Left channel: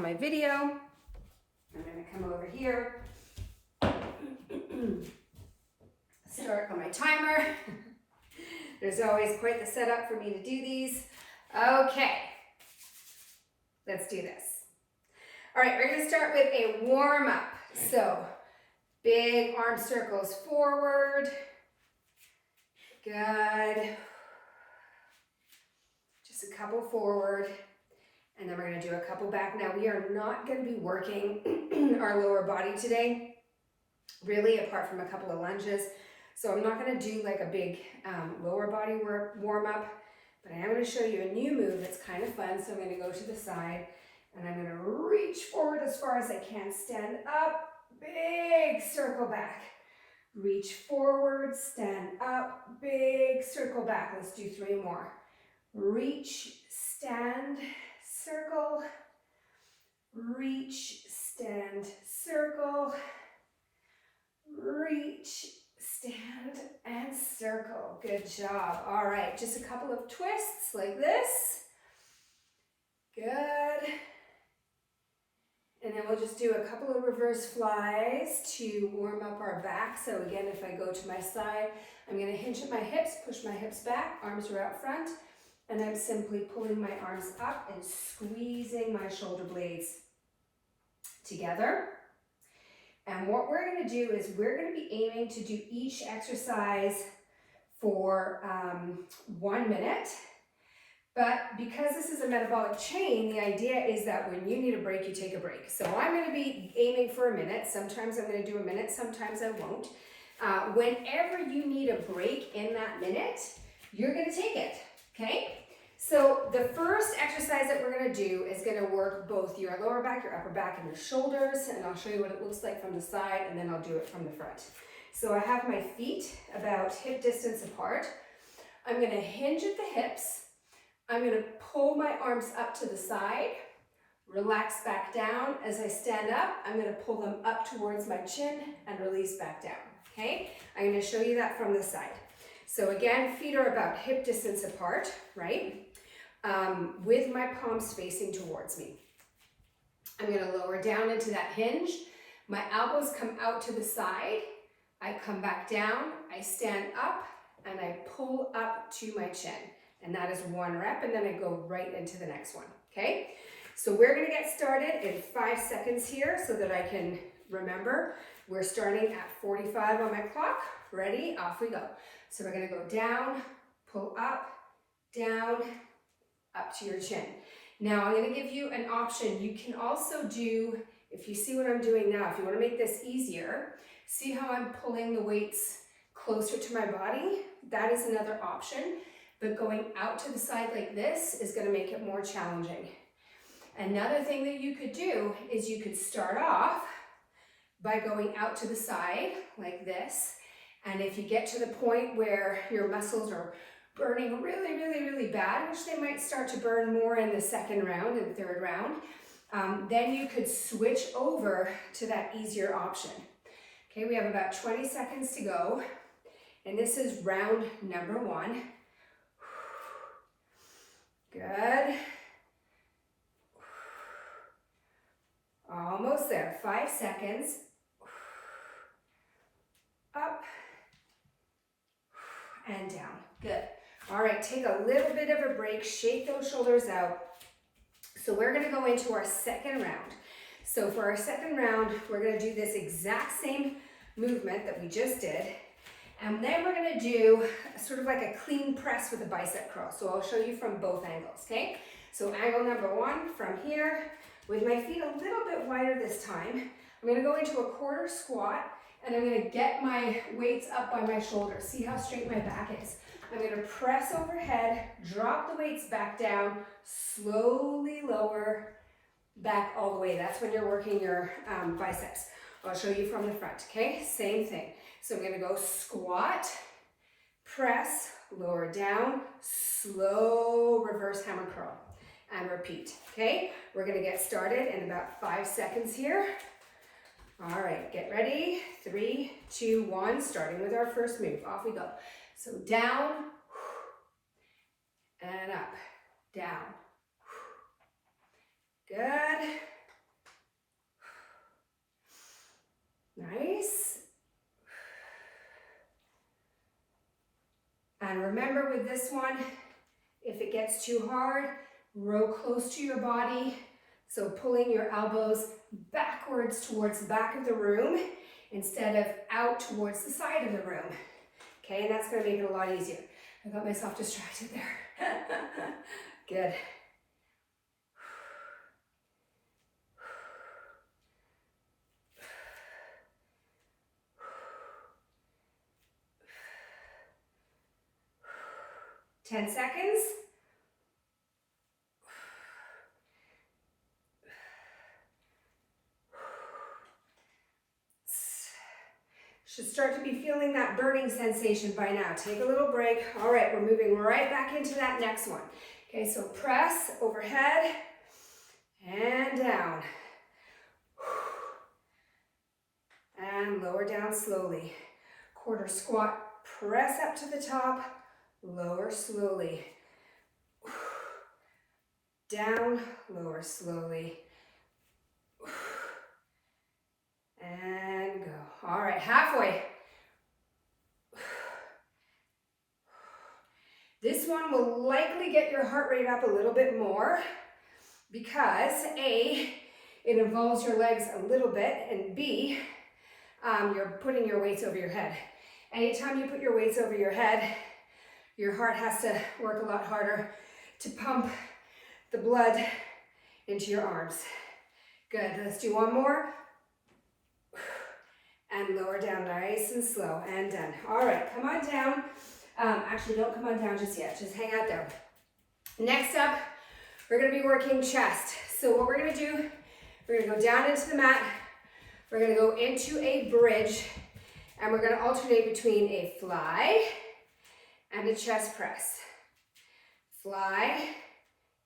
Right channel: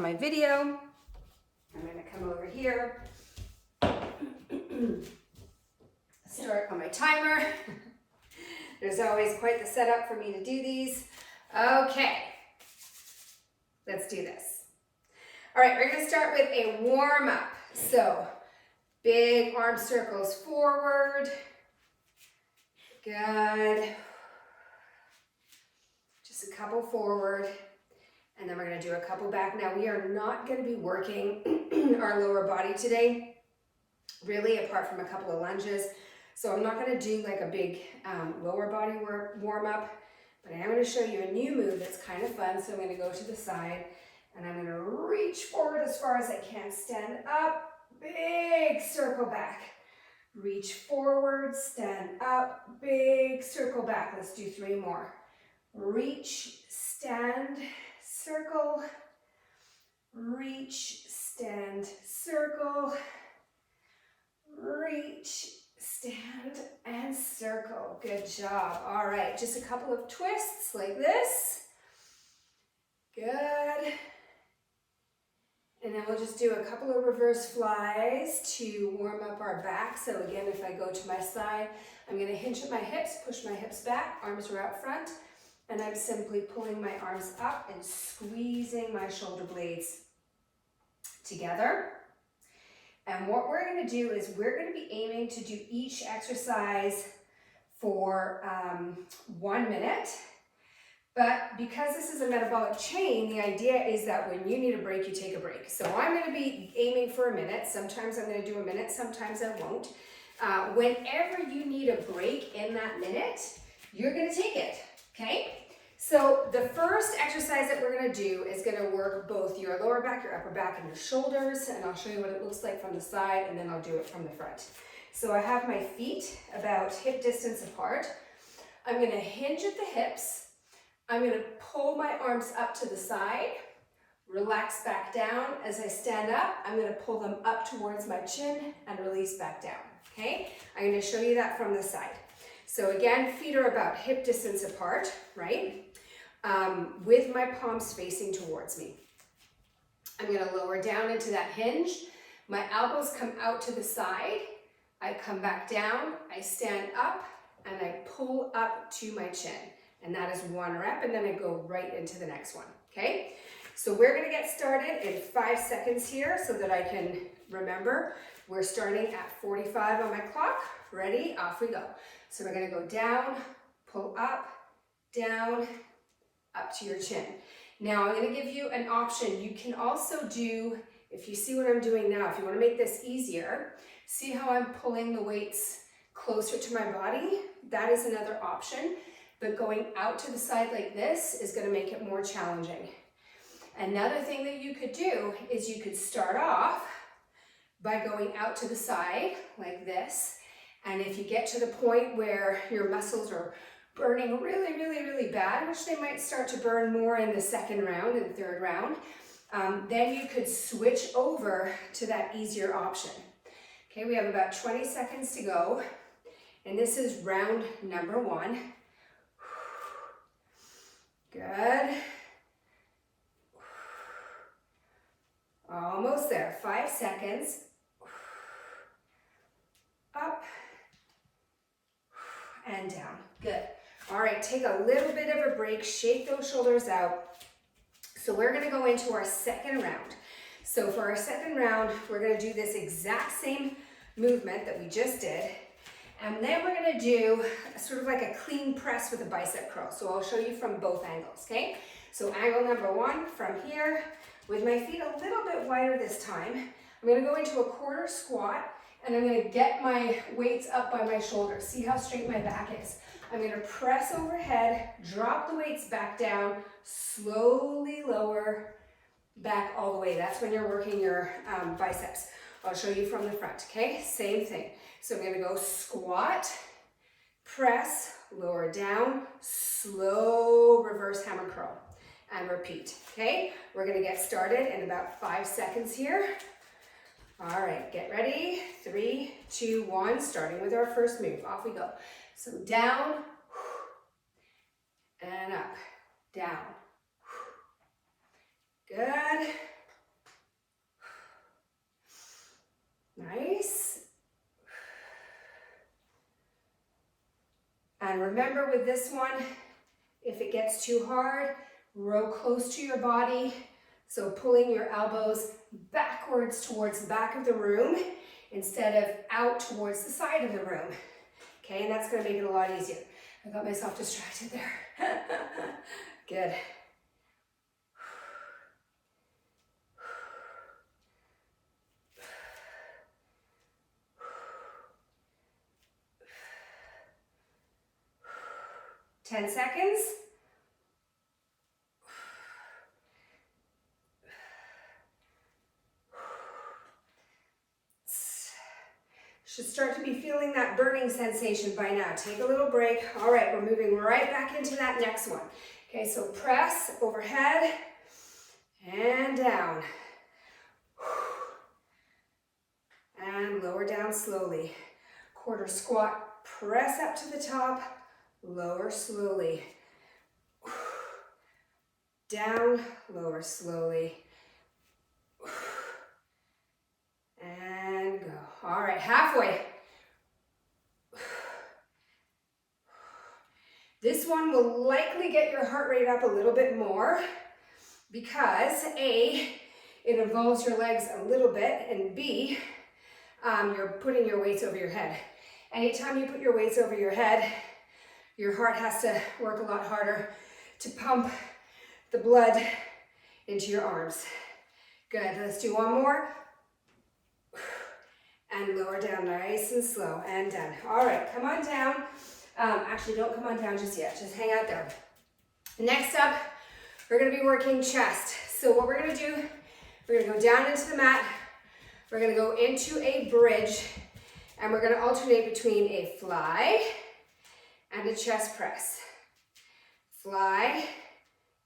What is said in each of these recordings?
on my video. I'm going to come over here, start on my timer. There's always quite the setup for me to do these. Okay, let's do this. All right, we're going to start with a warm up. So big arm circles forward. Good. Just a couple forward. And then we're going to do a couple back. Now we are not going to be working our lower body today, really, apart from a couple of lunges. So I'm not going to do like a big lower body warm up, but I am going to show you a new move that's kind of fun. So I'm going to go to the side and I'm going to reach forward as far as I can, stand up, big circle back, reach forward, stand up, big circle back. Let's do 3 more. Reach, stand, circle, reach, stand, circle, reach, stand, and circle. Good job. All right, just a couple of twists like this. Good. And then we'll just do a couple of reverse flies to warm up our back. So again, if I go to my side, I'm going to hinge at my hips, push my hips back, arms are out front. And I'm simply pulling my arms up and squeezing my shoulder blades together. And what we're going to do is we're going to be aiming to do each exercise for 1 minute. But because this is a metabolic chain, the idea is that when you need a break, you take a break. So I'm going to be aiming for a minute. Sometimes I'm going to do a minute, sometimes I won't. Whenever you need a break in that minute, you're going to take it, okay? So the first exercise that we're going to do is going to work both your lower back, your upper back, and your shoulders. And I'll show you what it looks like from the side, and then I'll do it from the front. So I have my feet about hip distance apart. I'm going to hinge at the hips. I'm going to pull my arms up to the side, relax back down. As I stand up, I'm going to pull them up towards my chin and release back down, okay? I'm going to show you that from the side. So again, feet are about hip distance apart, right? With my palms facing towards me. I'm going to lower down into that hinge. My elbows come out to the side. I come back down, I stand up, and I pull up to my chin. And that is 1 rep, and then I go right into the next one, okay? So we're going to get started in 5 seconds here so that I can remember. We're starting at 45 on my clock. Ready? Off we go. So we're going to go down, pull up, down, up to your chin. Now I'm going to give you an option. You can also do, if you see what I'm doing now, if you want to make this easier, see how I'm pulling the weights closer to my body? That is another option. But going out to the side like this is going to make it more challenging. Another thing that you could do is you could start off by going out to the side like this. And if you get to the point where your muscles are burning really, really, really bad, which they might start to burn more in the second round and third round, then you could switch over to that easier option. Okay, we have about 20 seconds to go. And this is round number 1. Good. Almost there. 5 seconds. Up and down. Good. All right, take a little bit of a break. Shake those shoulders out. So we're going to go into our second round. So for our second round, we're going to do this exact same movement that we just did. And then we're going to do sort of like a clean press with a bicep curl. So I'll show you from both angles, okay? So angle number 1 from here, with my feet a little bit wider this time. I'm going to go into a quarter squat, and I'm going to get my weights up by my shoulders. See how straight my back is. I'm going to press overhead, drop the weights back down, slowly lower back all the way. That's when you're working your biceps. I'll show you from the front, okay? Same thing. So I'm going to go squat, press, lower down, slow reverse hammer curl, and repeat, okay? We're going to get started in about 5 seconds here. All right, get ready. 3, 2, 1, starting with our first move. Off we go. So down, and up, down. Good. remember with this one, if it gets too hard, row close to your body. So pulling your elbows backwards towards the back of the room instead of out towards the side of the room. Okay, and that's gonna make it a lot easier. I got myself distracted there. Good. Ten seconds. Should start to be feeling that burning sensation by now. Take a little break. All right, we're moving right back into that next one. Okay, so press overhead and down. And lower down slowly. Quarter squat, press up to the top, lower slowly. Down, lower slowly. And go. All right, halfway. This one will likely get your heart rate up a little bit more because A, it involves your legs a little bit, and B, you're putting your weights over your head. Anytime you put your weights over your head, your heart has to work a lot harder to pump the blood into your arms. Good, let's do one more. And lower down nice and slow, and done. All right, come on down. Actually, don't come on down just yet, just hang out there. Next up, we're gonna be working chest. So what we're gonna do, we're gonna go down into the mat, we're gonna go into a bridge, and we're gonna alternate between a fly and a chest press. Fly,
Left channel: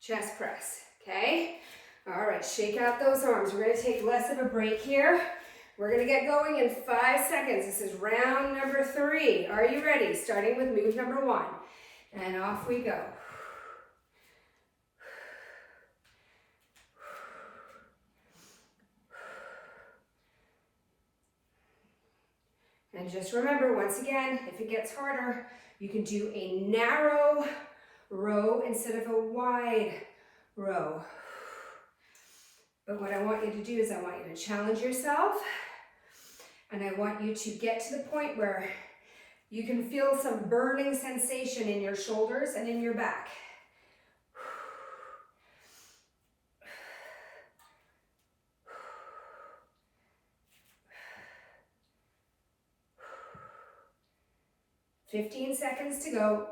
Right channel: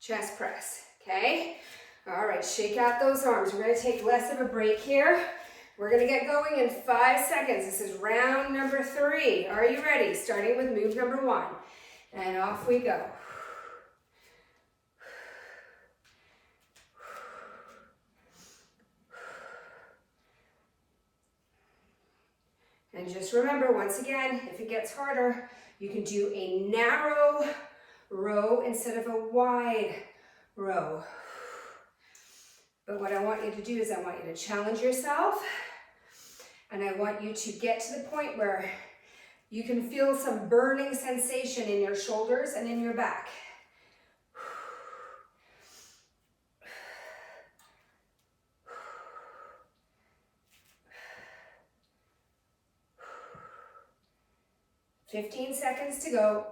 chest press, okay? All right, shake out those arms. We're gonna take less of a break here. We're gonna get going in 5 seconds. This is round number 3. Are you ready? Starting with move number 1. And off we go. And just remember, once again, if it gets harder, you can do a narrow row instead of a wide row. But what I want you to do is I want you to challenge yourself, and I want you to get to the point where you can feel some burning sensation in your shoulders and in your back. "15 seconds to go.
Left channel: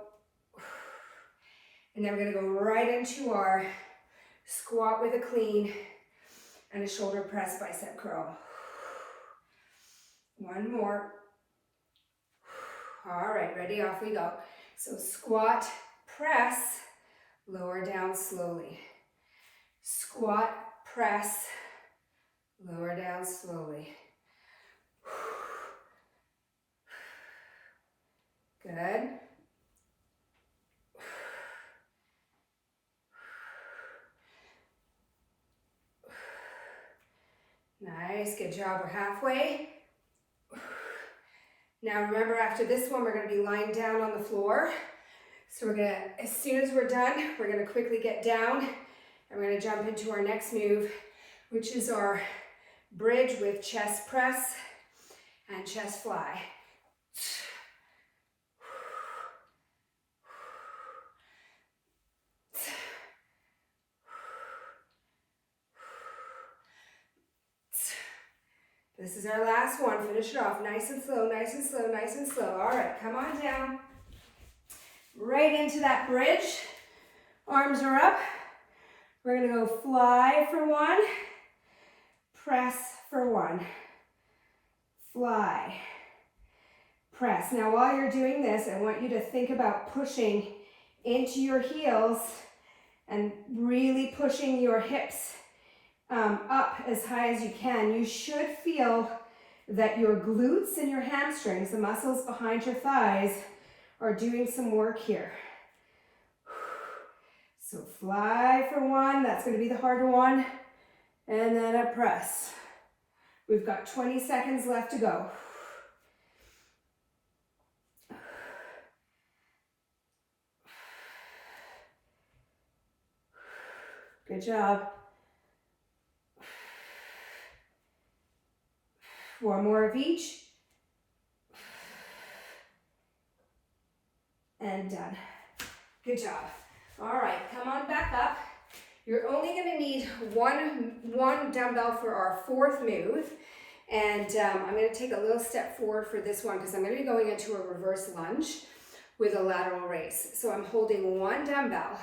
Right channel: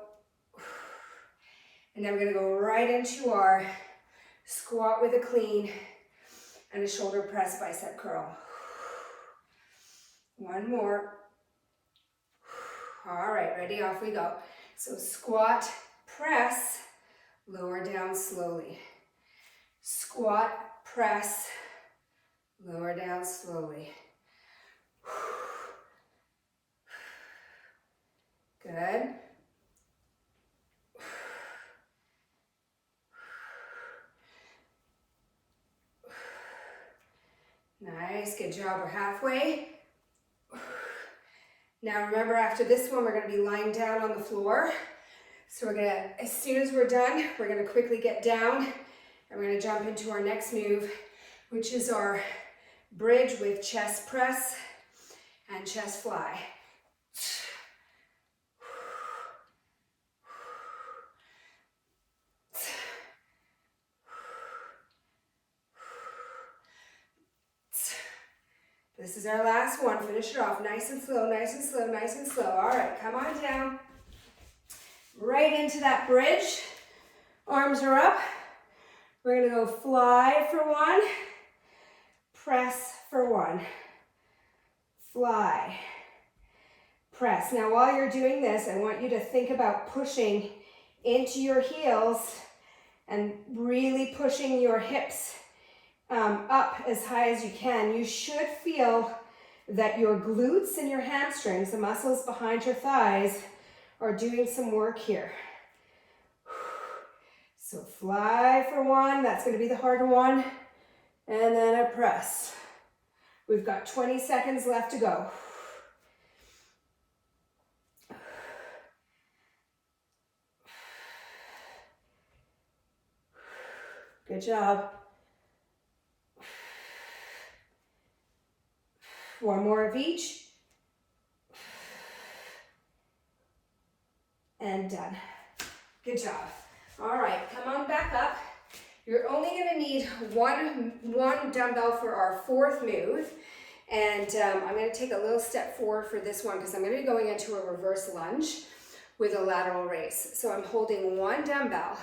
And then we're gonna go right into our squat with a clean and a shoulder press bicep curl. One more. All right, ready, off we go. So squat, press, lower down slowly. Squat, press, lower down slowly. Good. Nice, good job, we're halfway. Now remember, after this one, we're gonna be lying down on the floor. So we're gonna, as soon as we're done, we're gonna quickly get down and we're gonna jump into our next move, which is our bridge with chest press and chest fly. This is our last one. Finish it off nice and slow, nice and slow, nice and slow. All right, come on down. Right into that bridge. Arms are up. We're gonna go fly for 1, press for 1. Fly, press. Now while you're doing this, I want you to think about pushing into your heels and really pushing your hips up as high as you can. You should feel that your glutes and your hamstrings, the muscles behind your thighs, are doing some work here. So fly for 1, that's going to be the harder one, and then a press. We've got 20 seconds left to go. Good job. One more of each. And done. Good job. All right, come on back up. You're only going to need one dumbbell for our fourth move. And I'm going to take a little step forward for this one because I'm going to be going into a reverse lunge with a lateral raise. So I'm holding one dumbbell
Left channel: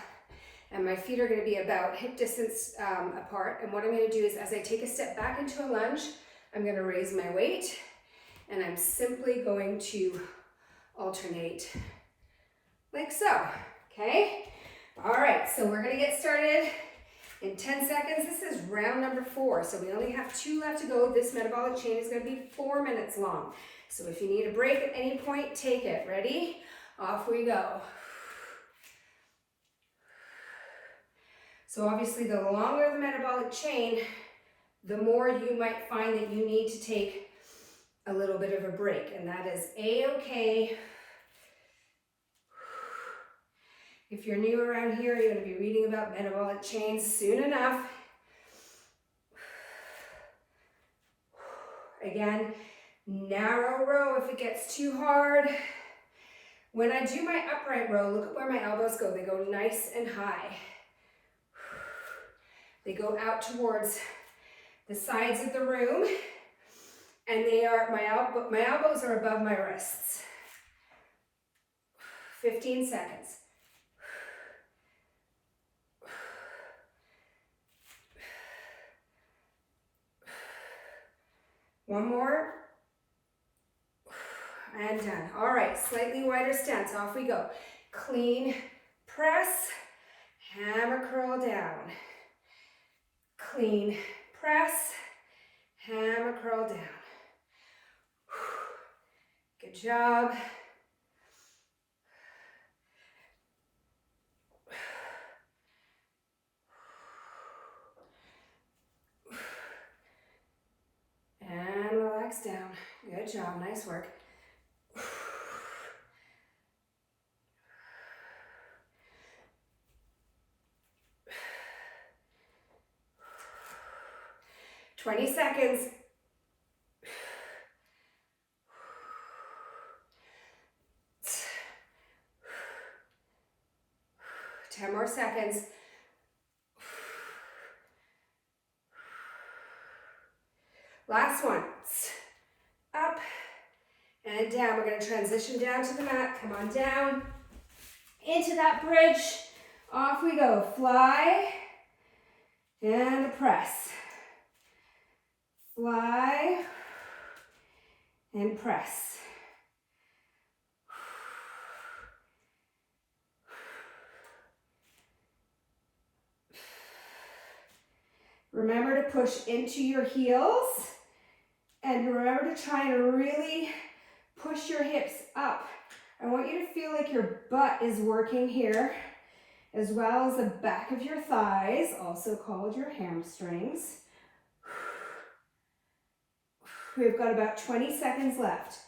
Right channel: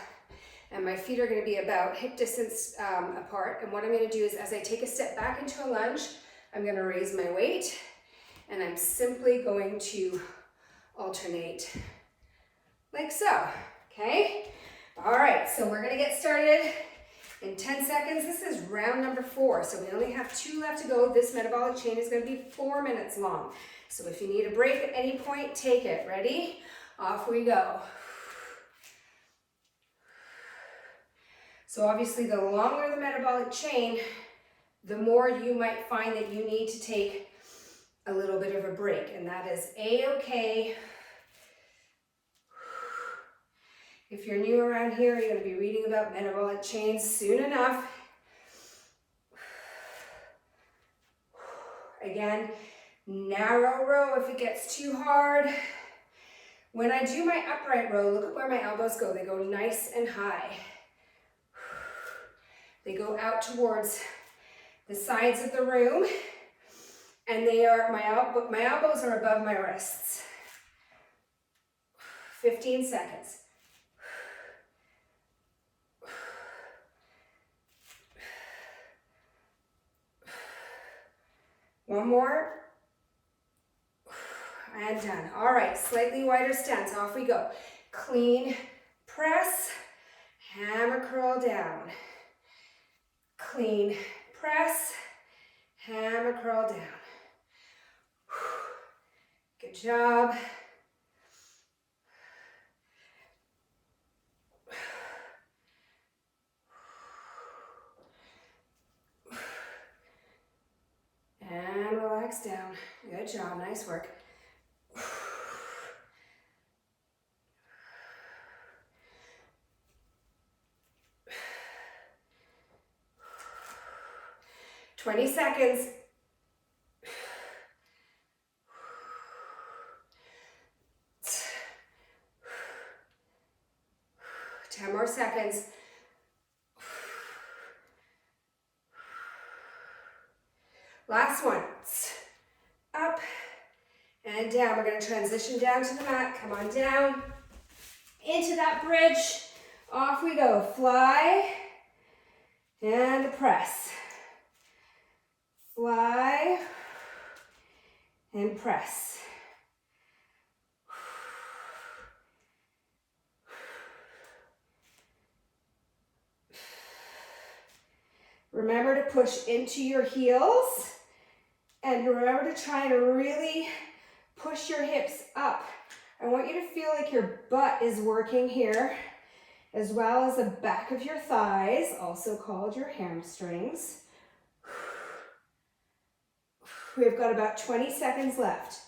and my feet are going to be about hip distance apart. And what I'm going to do is as I take a step back into a lunge, I'm going to raise my weight and I'm simply going to alternate like so, okay? All right, so we're gonna get started in 10 seconds. This is round number 4, so we only have 2 left to go. This metabolic chain is gonna be 4 minutes long. So if you need a break at any point, take it. Ready? Off we go. So obviously the longer the metabolic chain, the more you might find that you need to take a little bit of a break, and that is A-okay. If you're new around here, you're going to be reading about metabolic chains soon enough. Again, narrow row if it gets too hard. When I do my upright row, look at where my elbows go. They go nice and high. They go out towards the sides of the room, and they are my elbows are above my wrists. 15 seconds. One more, and done. All right, slightly wider stance, off we go. Clean press, hammer curl down. Clean press, hammer curl down. Good job. And relax down. Good job, nice work. "20 seconds. Ten more seconds. Last one. Up and down. We're going to transition down to the mat. Come on down. Into that bridge. Off we go. Fly and press. Fly and press. Remember to push into your heels. And remember to try and really push your hips up. I want you to feel like your butt is working here, as well as the back of your thighs, also called your hamstrings. We've got about 20 seconds left.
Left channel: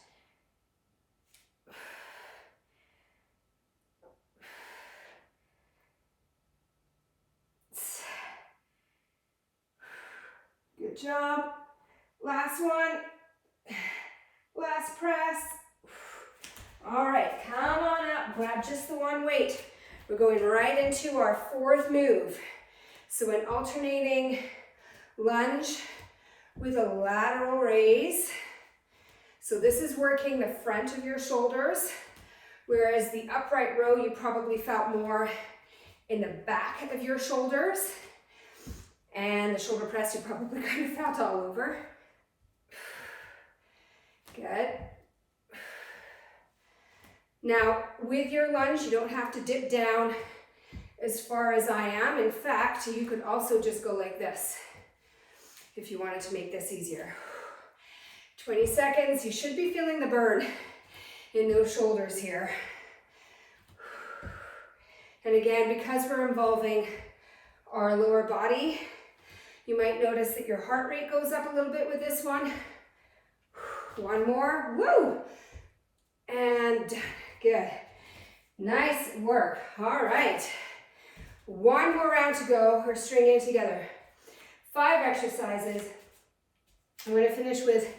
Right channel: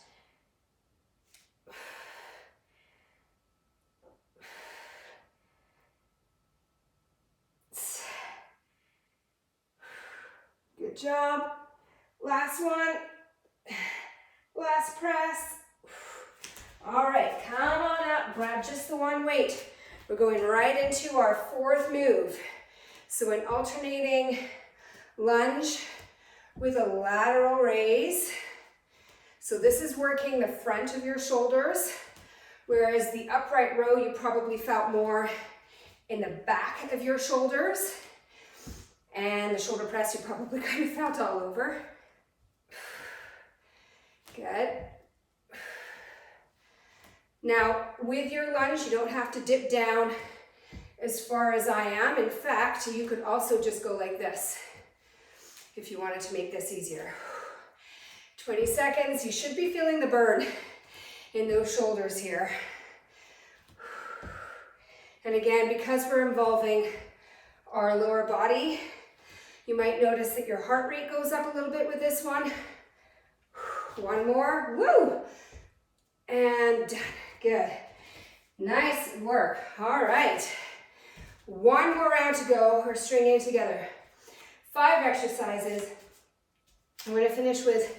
Good job. Last one. Last press. All right, come on up. Grab just the one weight. We're going right into our fourth move. So an alternating lunge with a lateral raise. So this is working the front of your shoulders, whereas the upright row you probably felt more in the back of your shoulders. And the shoulder press you probably kind of felt all over. Good. Now, with your lunge, you don't have to dip down as far as I am. In fact, you could also just go like this if you wanted to make this easier. 20 seconds. You should be feeling the burn in those shoulders here. And again, because we're involving our lower body, you might notice that your heart rate goes up a little bit with this one. One more, woo! And done, good. Nice work, all right. One more round to go. We're stringing it together. 5 exercises. I'm going to finish with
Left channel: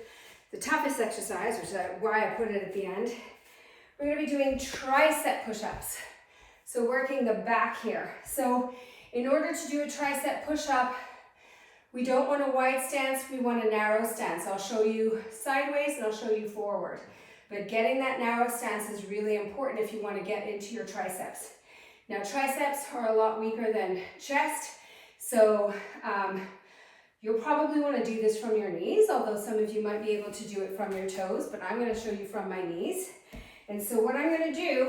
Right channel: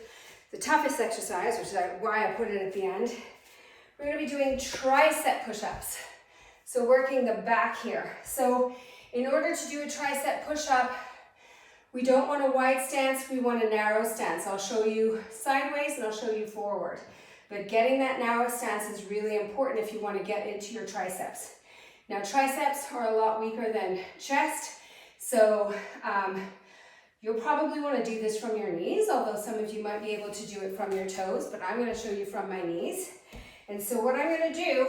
the toughest exercise, which is why I put it at the end. We're going to be doing tricep push-ups. So working the back here. So in order to do a tricep push-up, we don't want a wide stance, we want a narrow stance. I'll show you sideways and I'll show you forward. But getting that narrow stance is really important if you want to get into your triceps. Now triceps are a lot weaker than chest, so you'll probably want to do this from your knees, although some of you might be able to do it from your toes, but I'm going to show you from my knees. And so what I'm going to do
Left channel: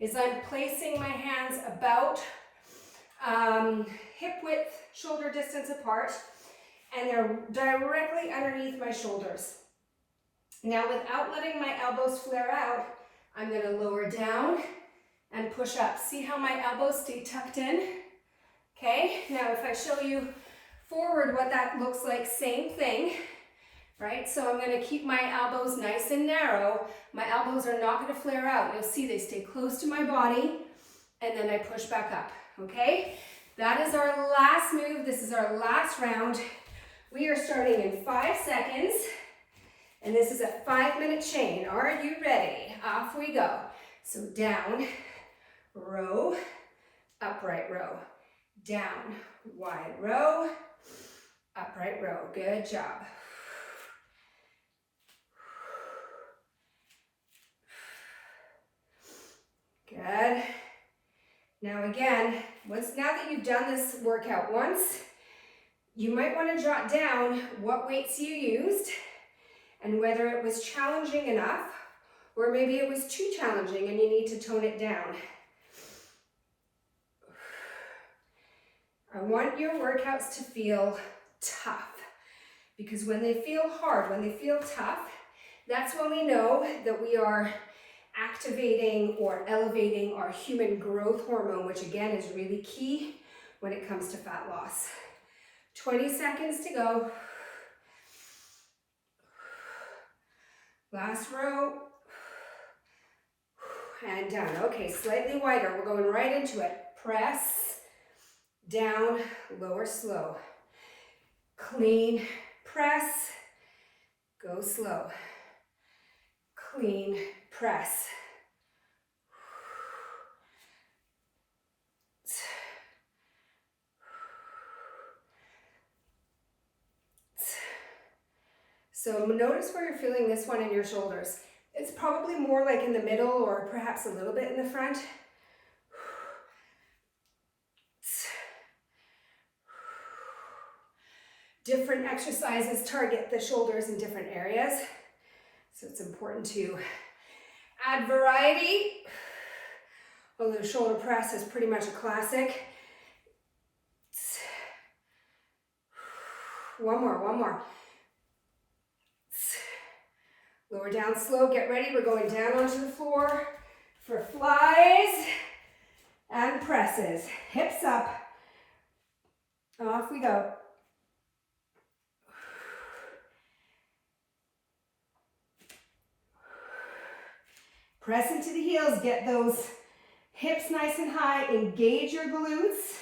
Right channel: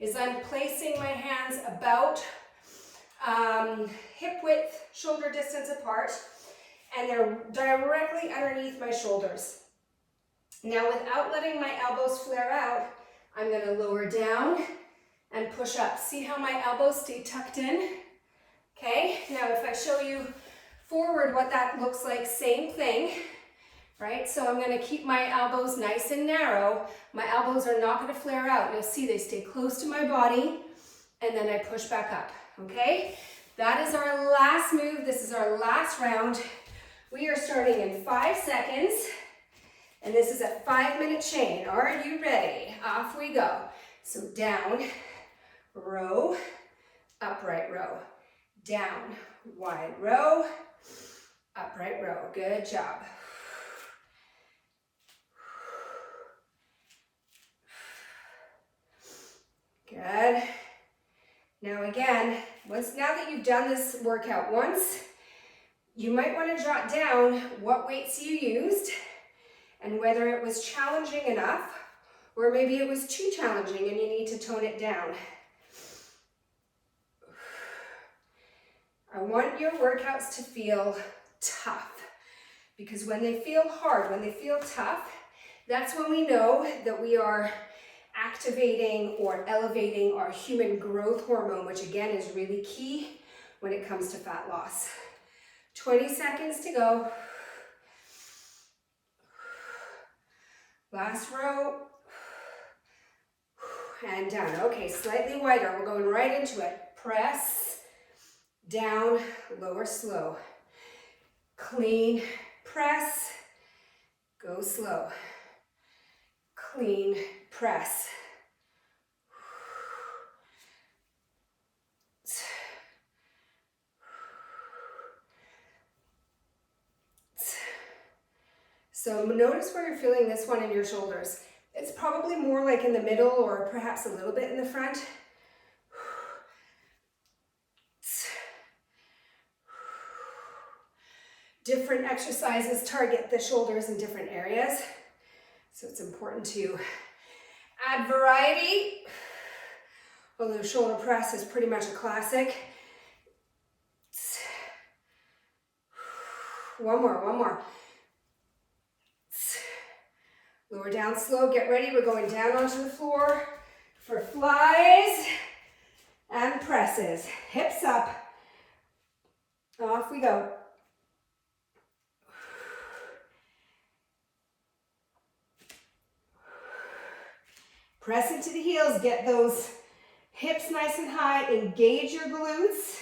is I'm placing my hands about hip width, shoulder distance apart, and they're directly underneath my shoulders. Now without letting my elbows flare out, I'm going to lower down and push up. See how my elbows stay tucked in? Okay, now if I show you forward what that looks like, same thing, right? So I'm going to keep my elbows nice and narrow. My elbows are not going to flare out. You'll see they stay close to my body, and then I push back up, okay? That is our last move. This is our last round. We are starting in 5 seconds, and this is a 5-minute chain. Are you ready? Off we go. So down, row, upright row, down, wide row, upright row. Good job. Good. Now again, now that you've done this workout once, you might want to jot down what weights you used and whether it was challenging enough or maybe it was too challenging and you need to tone it down. I want your workouts to feel tough, because when they feel hard, when they feel tough, that's when we know that we are activating or elevating our human growth hormone, which again is really key when it comes to fat loss. 20 seconds to go. Last row. And down. Okay, slightly wider. We're going right into it. Press, down, lower, slow. Clean, press, go slow. Clean, press. So notice where you're feeling this one in your shoulders. It's probably more like in the middle or perhaps a little bit in the front. Different exercises target the shoulders in different areas. So it's important to add variety. Although shoulder press is pretty much a classic. One more. Lower down slow, get ready. We're going down onto the floor for flies and presses. Hips up. Off we go. Press into the heels, get those hips nice and high, engage your glutes.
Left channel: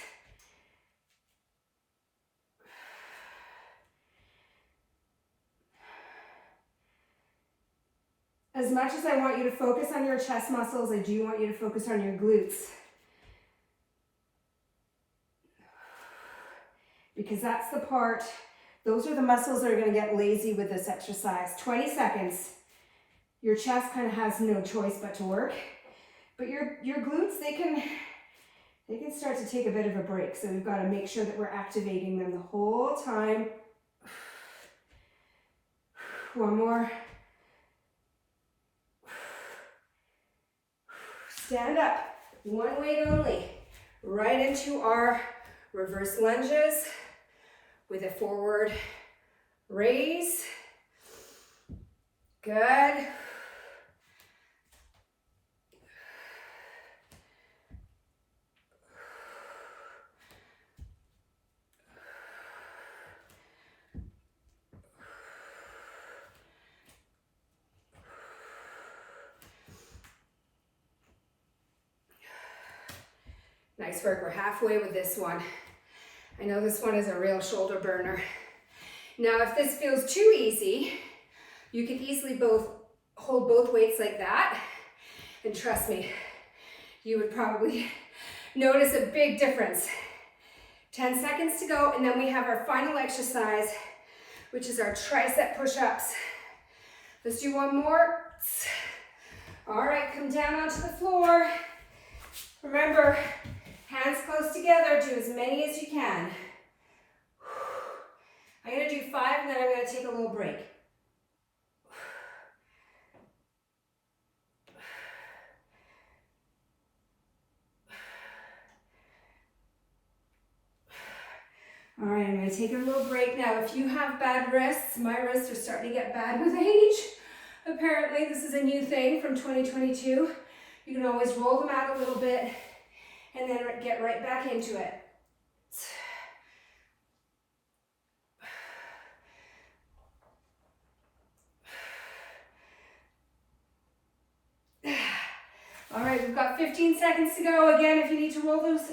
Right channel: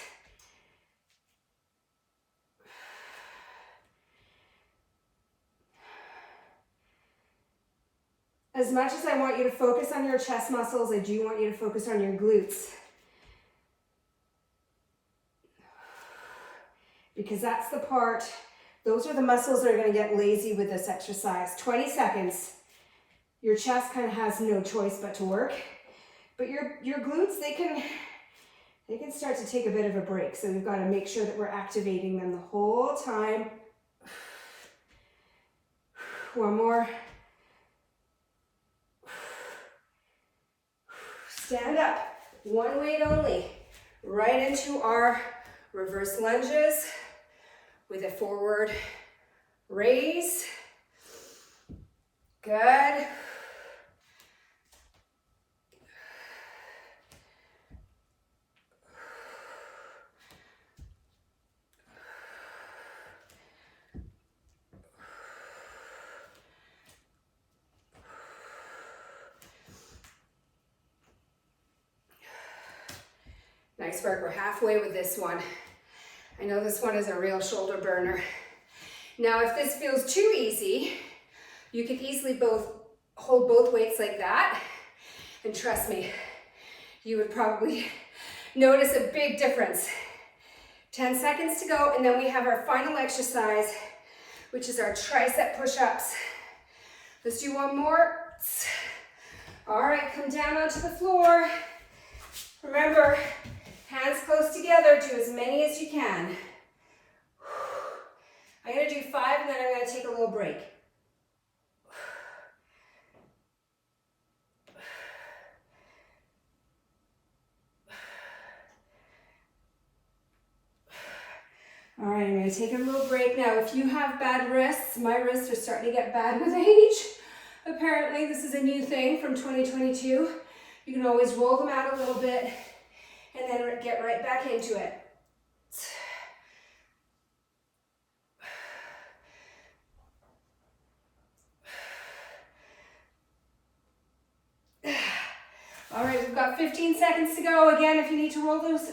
As much as I want you to focus on your chest muscles, I do want you to focus on your glutes. Because that's the part, those are the muscles that are going to get lazy with this exercise. 20 seconds. Your chest kind of has no choice but to work. But your glutes, they can start to take a bit of a break. So we've got to make sure that we're activating them the whole time. One more. Stand up, one weight only, right into our reverse lunges with a forward raise. Good. Nice iceberg. We're halfway with this one. I know this one is a real shoulder burner. Now, if this feels too easy, you could easily hold both weights like that. And trust me, you would probably notice a big difference. 10 seconds to go, and then we have our final exercise, which is our tricep push-ups. Let's do one more. All right, come down onto the floor. Remember, hands close together, do as many as you can. I'm gonna do 5 and then I'm gonna take a little break. All right, I'm gonna take a little break now. If you have bad wrists, my wrists are starting to get bad with age. Apparently, this is a new thing from 2022. You can always roll them out a little bit and then get right back into it. All right, we've got 15 seconds to go. Again, if you need to roll those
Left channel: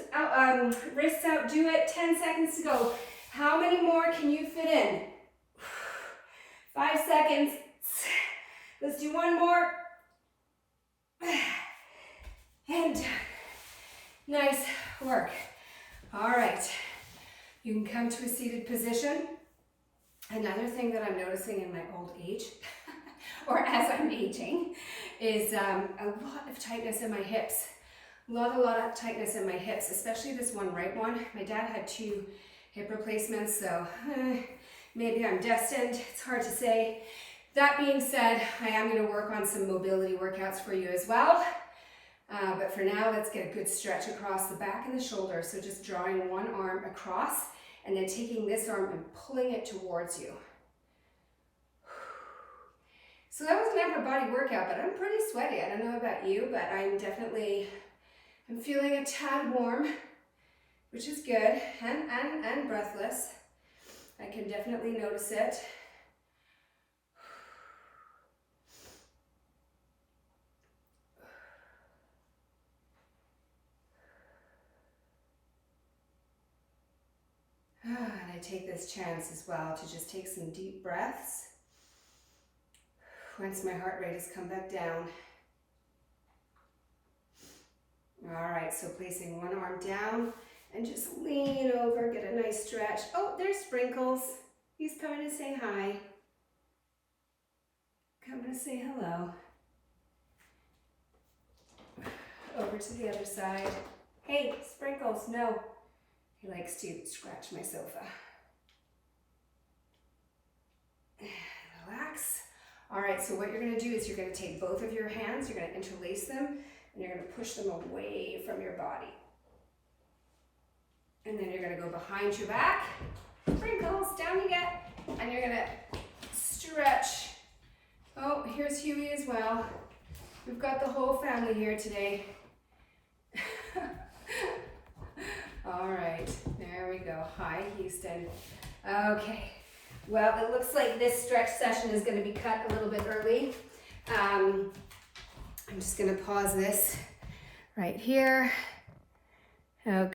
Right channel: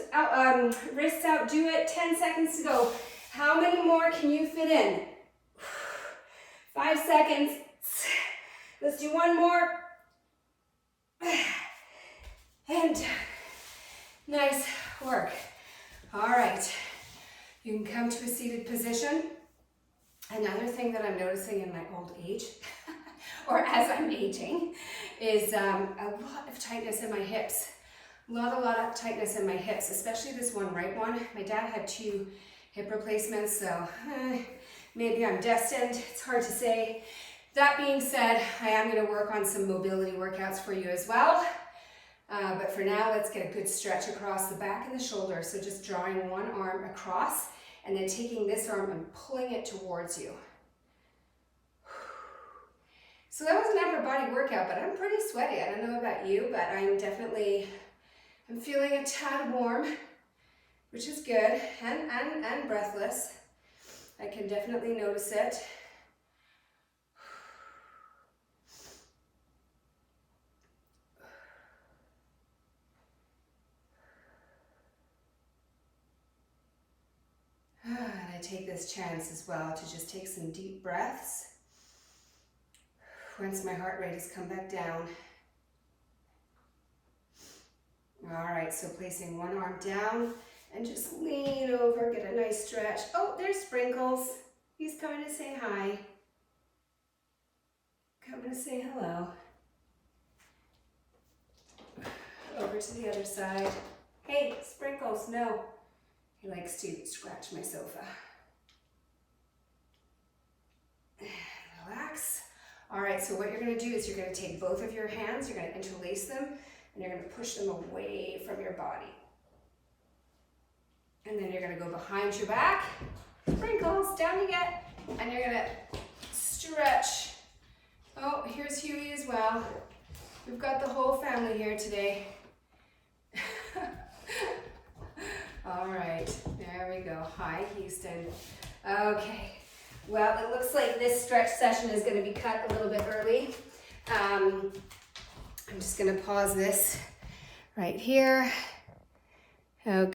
wrists out, do it. 10 seconds to go. How many more can you fit in? 5 seconds. Let's do one more. And done. Nice work. All right, you can come to a seated position. Another thing that I'm noticing in my old age, or as I'm aging, is a lot of tightness in my hips. A lot of tightness in my hips, especially this one right one. My dad had 2 hip replacements, so maybe I'm destined. It's hard to say. That being said, I am going to work on some mobility workouts for you as well. But for now, let's get a good stretch across the back and the shoulder. So just drawing one arm across and then taking this arm and pulling it towards you. So that was an upper body workout, but I'm pretty sweaty. I don't know about you, but I'm feeling a tad warm, which is good, and breathless. I can definitely notice it. And I take this chance as well to just take some deep breaths once my heart rate has come back down. All right, so placing one arm down and just lean over, get a nice stretch. Oh, there's Sprinkles. He's coming to say hi. Coming to say hello. Over to the other side. Hey, Sprinkles, no. He likes to scratch my sofa. Relax. All right, so what you're gonna do is you're gonna take both of your hands, you're gonna interlace them, and you're gonna push them away from your body. And then you're gonna go behind your back. Sprinkles, down you get. And you're gonna stretch. Oh, here's Huey as well. We've got the whole family here today. All right, there we go. Hi, Houston. Okay, well, it looks like this stretch session is gonna be cut a little bit early. I'm just gonna pause this right here. Okay.